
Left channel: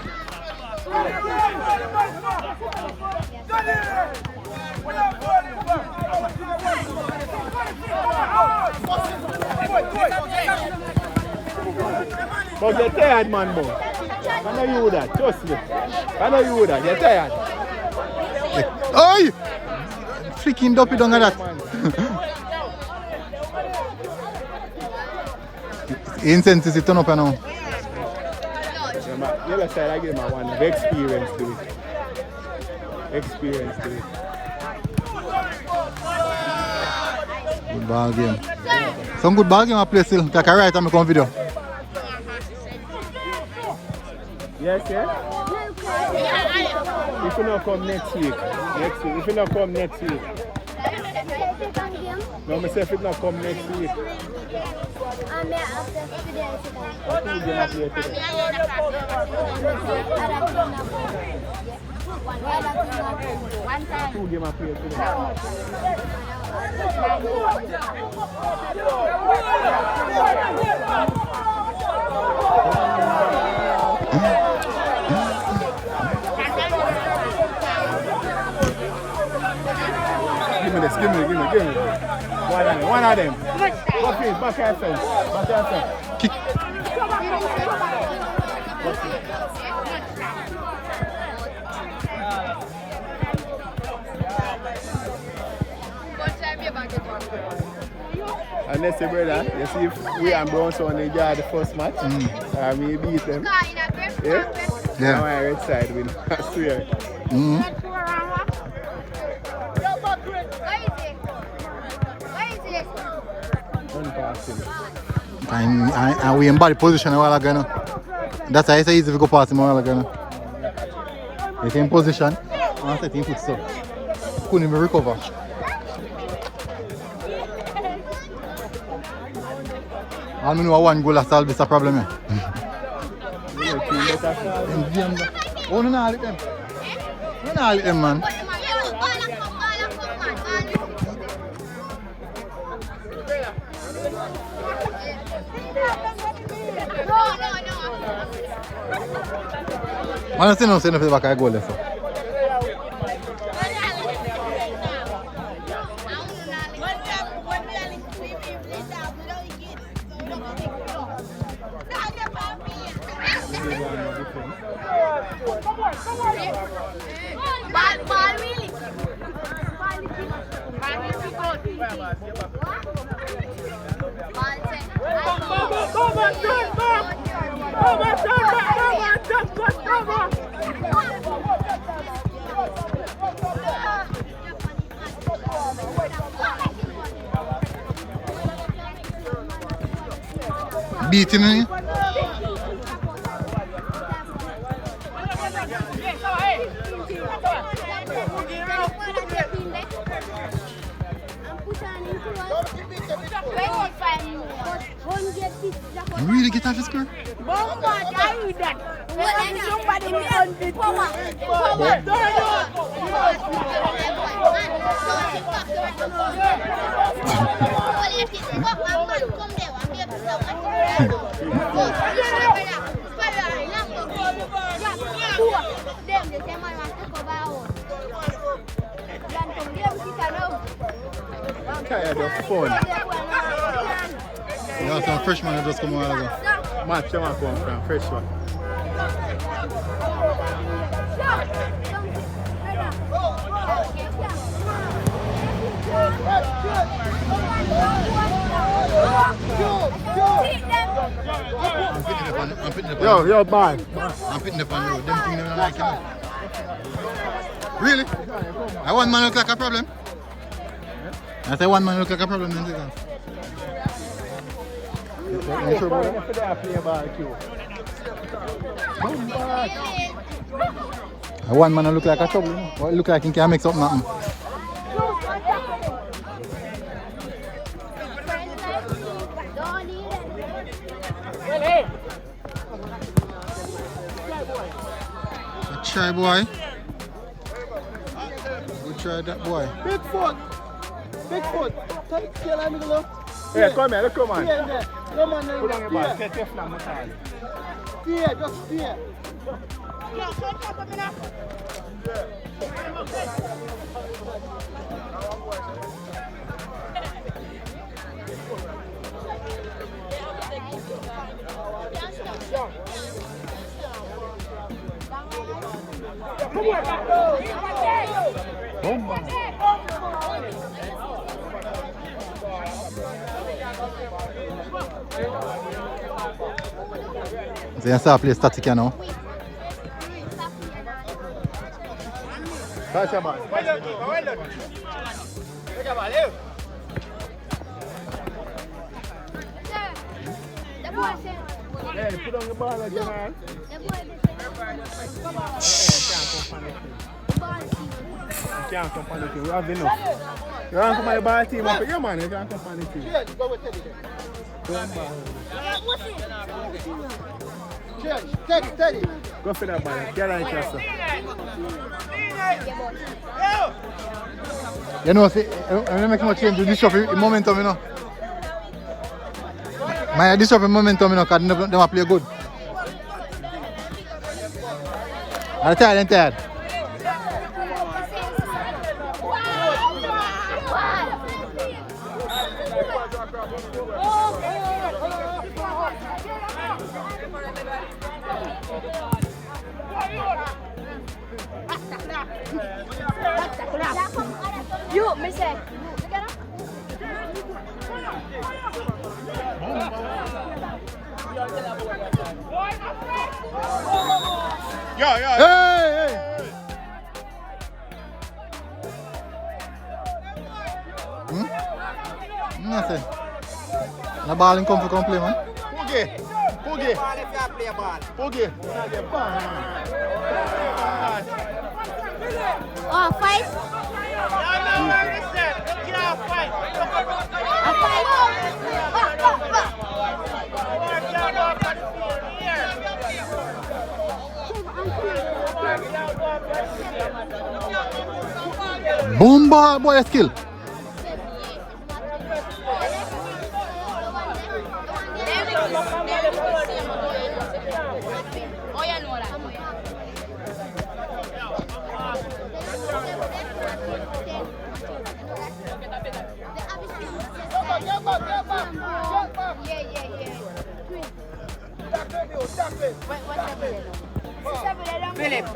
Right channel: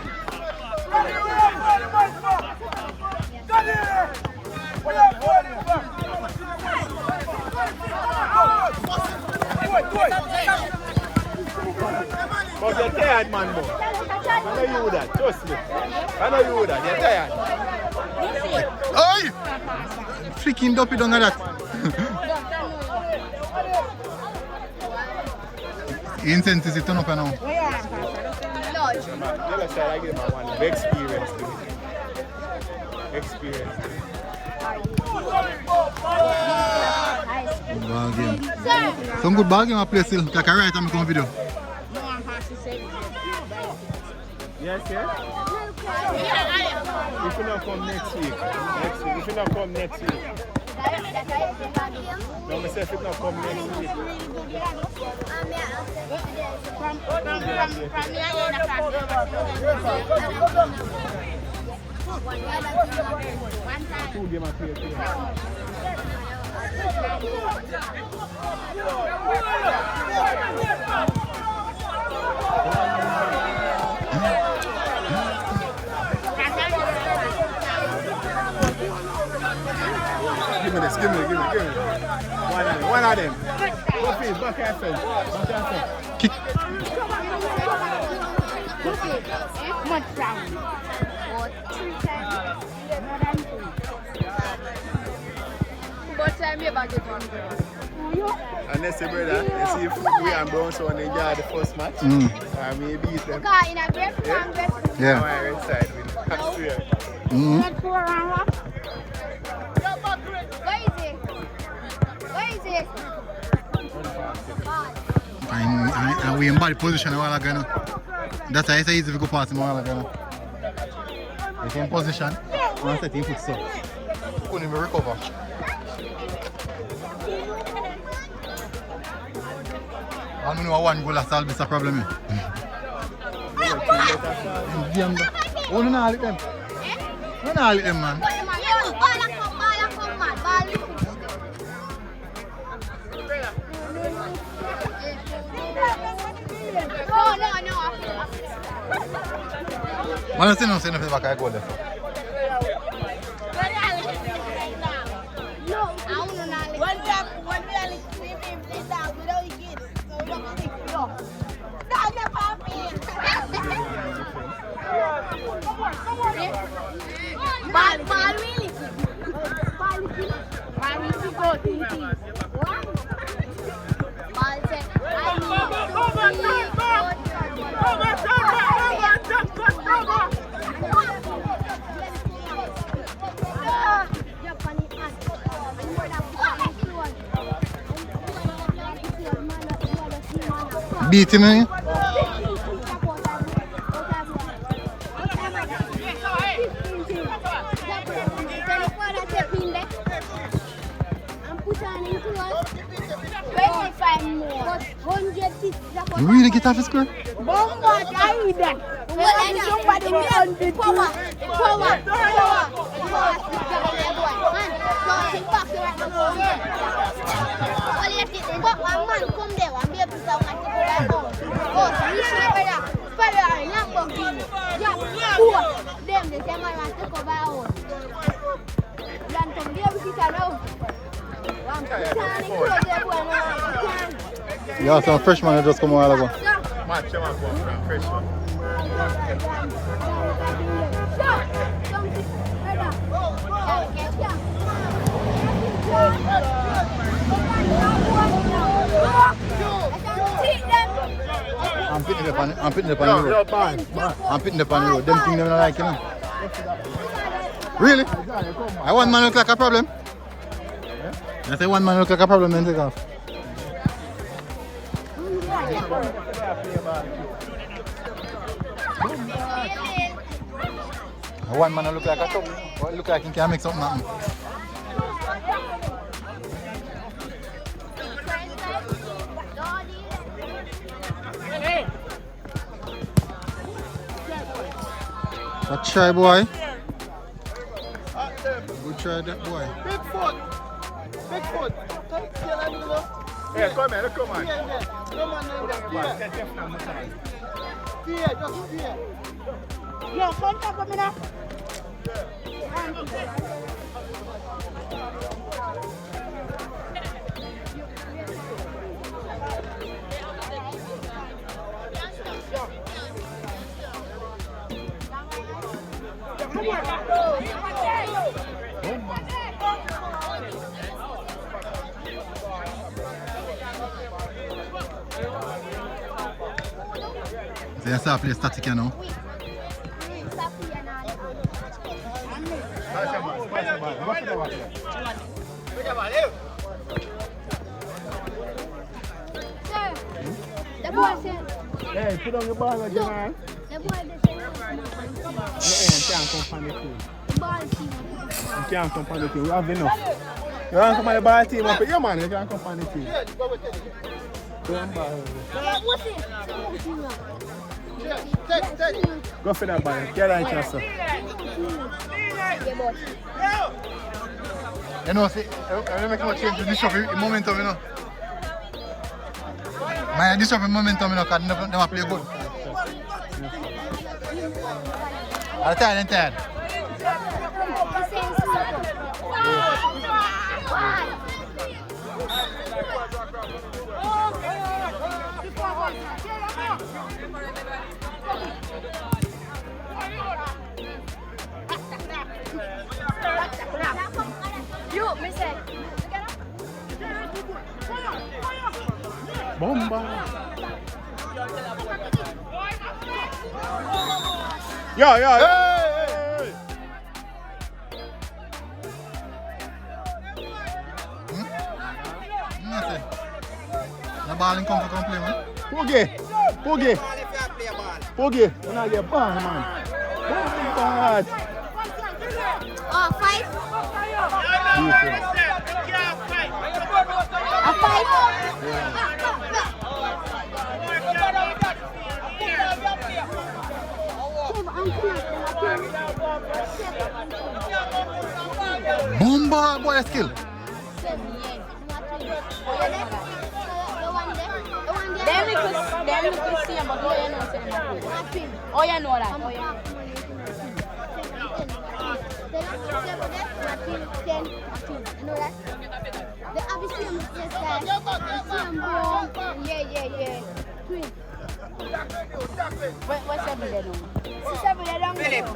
But you're tired, man, boy. I know you would that, trust me. I know you would that, you're tired. Oi! Freaking dopey down at that. Incense is turn up now. Never say I give him one experience to it. Experience to it. Good ball game. Some good ball game I play still. Like I write on my video. Yes, yeah? If you not come next week. If you not come next week. No, I say if you not come next week. Two game of play today. Give me this, give me. One of them. Go please, back yourself. Kick. Unless your brother, you see if we and Brownstone enjoy the first match, or we beat them. Yeah. My red side win. I swear. And we in body position a while ago. No? That's why it's easy to go past him a while ago. No? He's in position. And set him foot so. Couldn't even recover. I don't know one goal has solved this problem. Oh, no, no, them. No, no, them, man. I don't see no saying back I go left. Beat him, eh? You really get off the score? Yeah, some freshman that just come a while ago. Match them up, man. Fresh one. I'm putting it on the road. I'm putting it on the road. Them things they don't like, you know. Really? I one man look like a problem. I say one man look like a problem, then take off. One man look like a trouble. Look like he can mix up nothing. A try boy. Good try that boy. Big foot. Yeah, come here, let's go, man. Come on, get your flam massage. Yo, come for me now. So you start play static now. Pass the ball. Hey, put on your ball again, man. You can't come from the team. You have enough. You want to come on the ball team? Yeah, man, you can't come from the team. Go for that ball. Get on Chelsea. You know, see, when make much change, this shuffle in momentum, you know. My this shuffle momentum, you know, because they don't play good. I'm tired. Bomba. Yo. Hey. Nothing. The ball in come for play, man. Poogie. You know the ball, man. Bad. Fight. Yeah, A fight. Boom ball, boy, skill. Oh, yeah, no, that. Philip.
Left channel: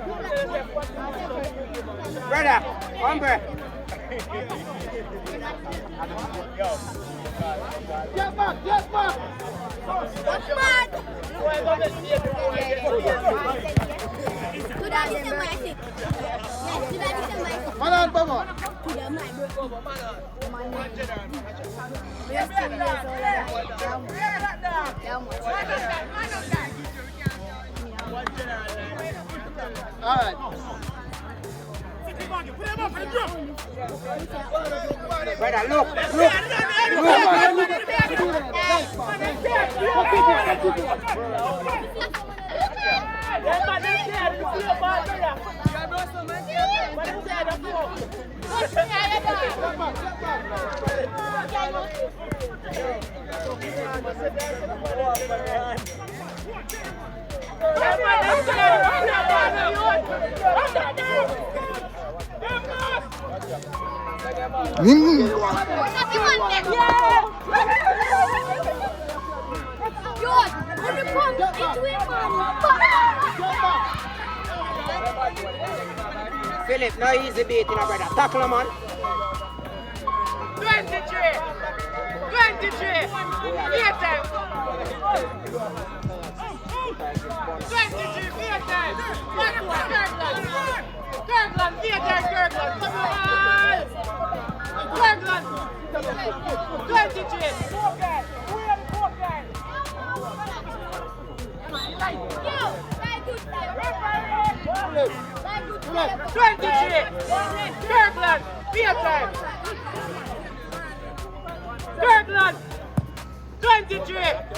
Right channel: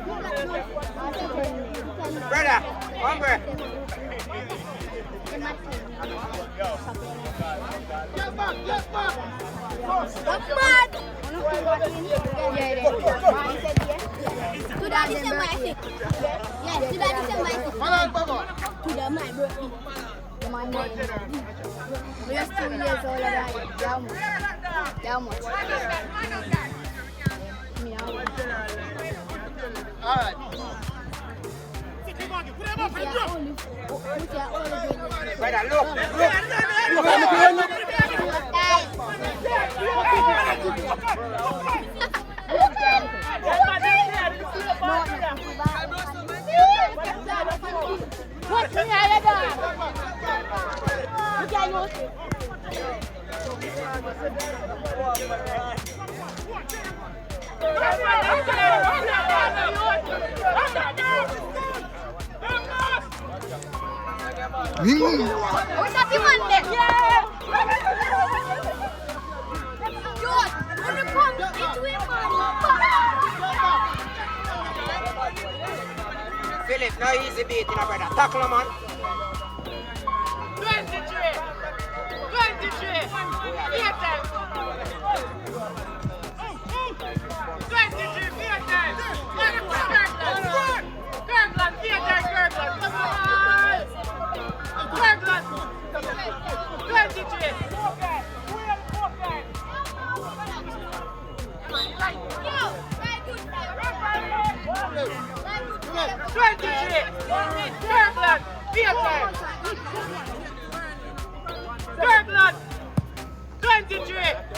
Brother, one breath. Get back. Philip, no easy beating, brother. Tackle him, man. 23.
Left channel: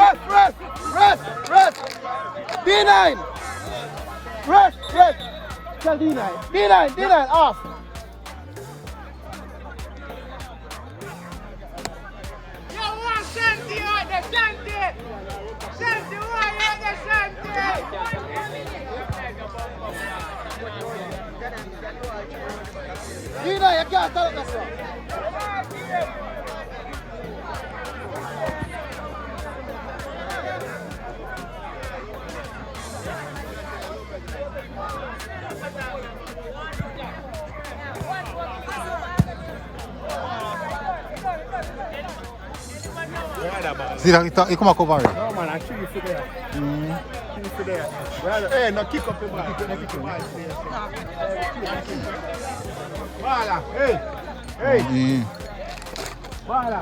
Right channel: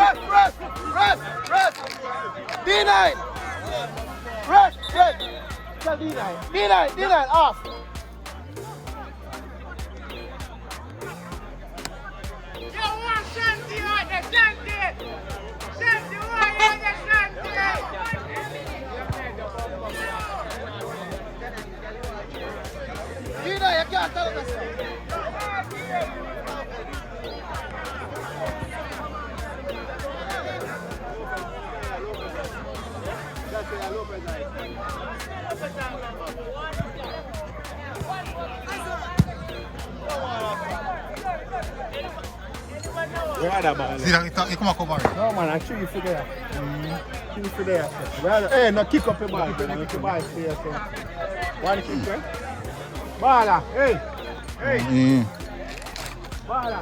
Rest. D9. Rest. Tell D9, off. D9, you can't tell us. See that? He come and cover it. No man, I shoot you for there. Shoot you for there. Right. Hey, no kick up your ball. Kick your ball. What is it, sir? Bala, hey. Yeah. Bala.